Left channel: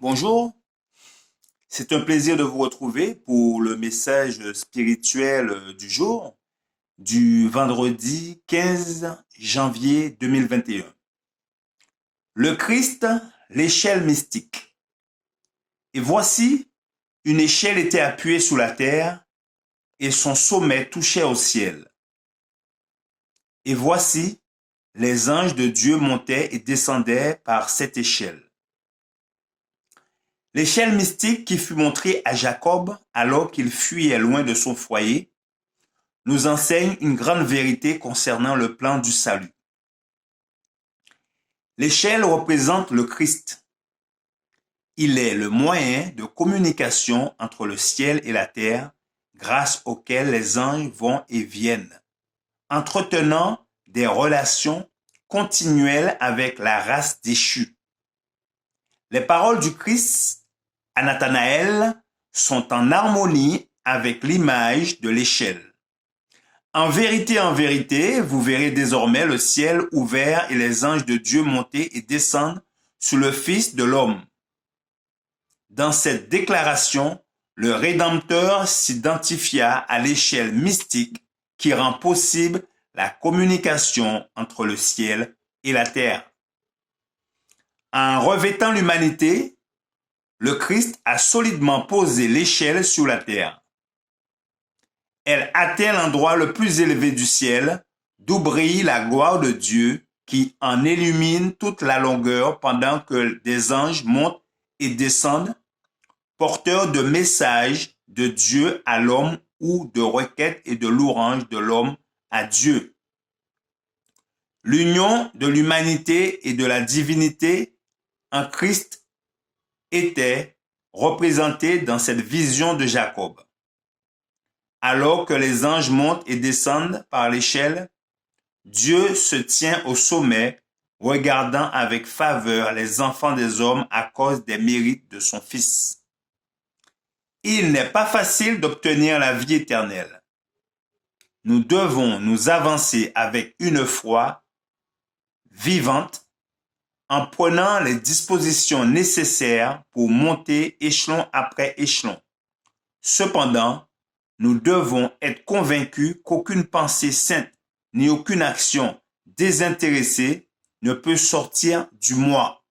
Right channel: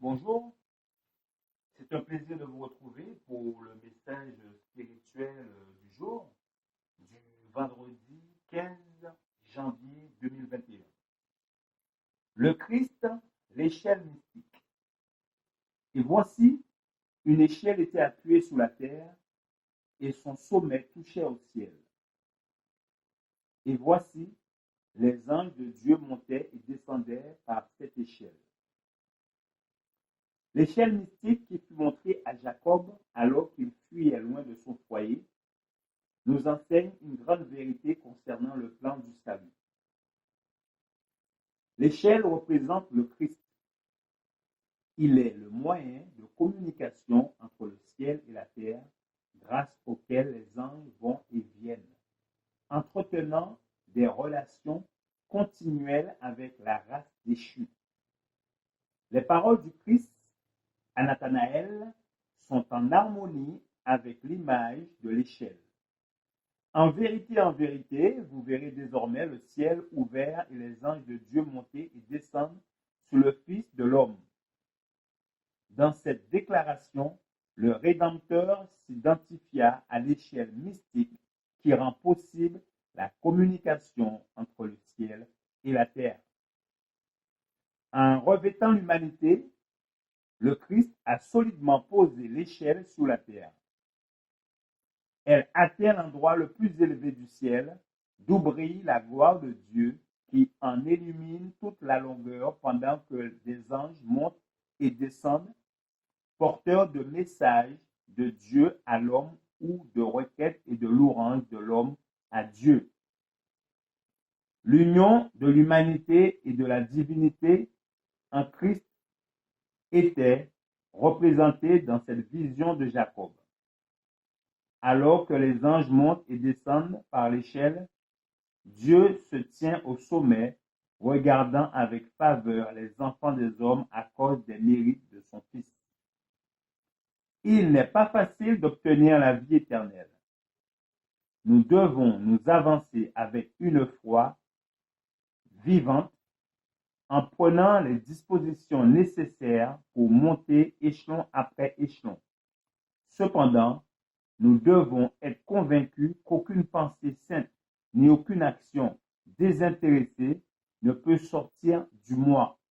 Bonjour, c'est un plaisir de vous retrouver pour le message spirituel du jour, du vendredi 15 janvier 2021. Le Christ, l'échelle mystique. Et voici, une échelle était appuyée sous la terre et son sommet touchait au ciel. Et voici, les anges de Dieu montaient et descendaient par cette échelle. L'échelle mystique qui fut montrée à Jacob alors qu'il fuyait loin de son foyer nous enseigne une grande vérité concernant le plan du salut. L'échelle représente le Christ. Il est le moyen de communication entre le ciel et la terre grâce auquel les anges vont et viennent, entretenant des relations continuelles avec la race déchue. Les paroles du Christ à Nathanaël sont en harmonie avec l'image de l'échelle. En vérité, vous verrez désormais le ciel ouvert et les anges de Dieu monter et descendre sur le Fils de l'homme. Dans cette déclaration, le Rédempteur s'identifia à l'échelle mystique qui rend possible la communication entre le ciel et la terre. En revêtant l'humanité, le Christ a solidement posé l'échelle sur la terre. Elle atteint l'endroit le plus élevé du ciel, d'où brille la gloire de Dieu qui en illumine toute la longueur pendant que des anges montent et descendent, porteurs de messages de Dieu à l'homme ou de requêtes et de louanges de l'homme à Dieu. L'union de l'humanité et de la divinité en Christ était représentée dans cette vision de Jacob. Alors que les anges montent et descendent par l'échelle, Dieu se tient au sommet, regardant avec faveur les enfants des hommes à cause des mérites de son Fils. Il n'est pas facile d'obtenir la vie éternelle. Nous devons nous avancer avec une foi vivante en prenant les dispositions nécessaires pour monter échelon après échelon. Cependant, nous devons être convaincus qu'aucune pensée sainte ni aucune action désintéressée ne peut sortir du moi.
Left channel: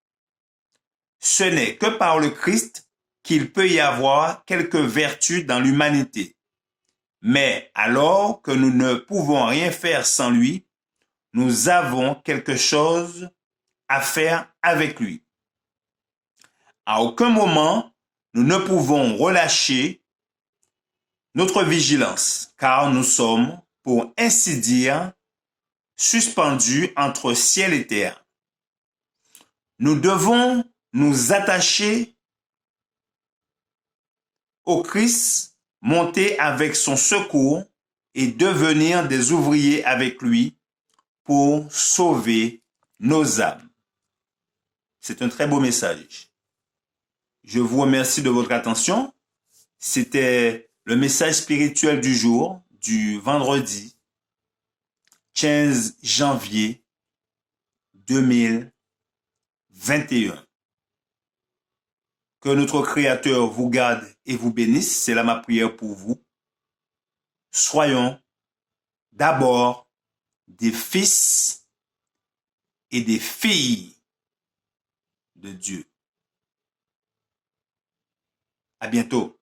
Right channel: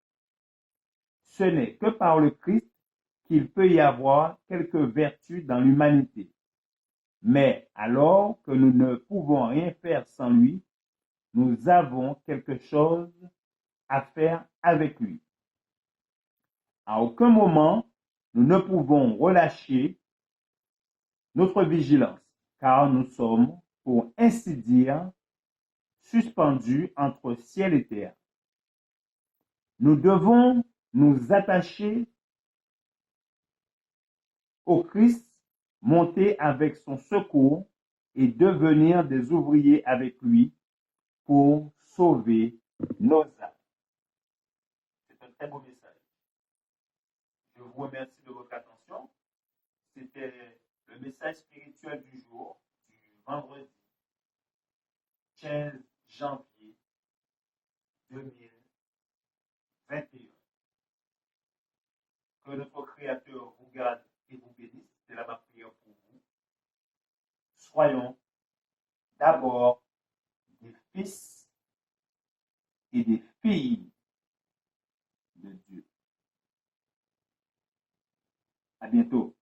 Ce n'est que par le Christ qu'il peut y avoir quelques vertus dans l'humanité. Mais alors que nous ne pouvons rien faire sans lui, nous avons quelque chose à faire avec lui. À aucun moment, nous ne pouvons relâcher notre vigilance, car nous sommes, pour ainsi dire, suspendus entre ciel et terre. Nous devons nous attacher au Christ, monter avec son secours et devenir des ouvriers avec lui pour sauver nos âmes. C'est un très beau message. Je vous remercie de votre attention. C'était le message spirituel du jour, du vendredi 15 janvier 2021. Que notre Créateur vous garde et vous bénisse. C'est là ma prière pour vous. Soyons d'abord des fils et des filles de Dieu. À bientôt.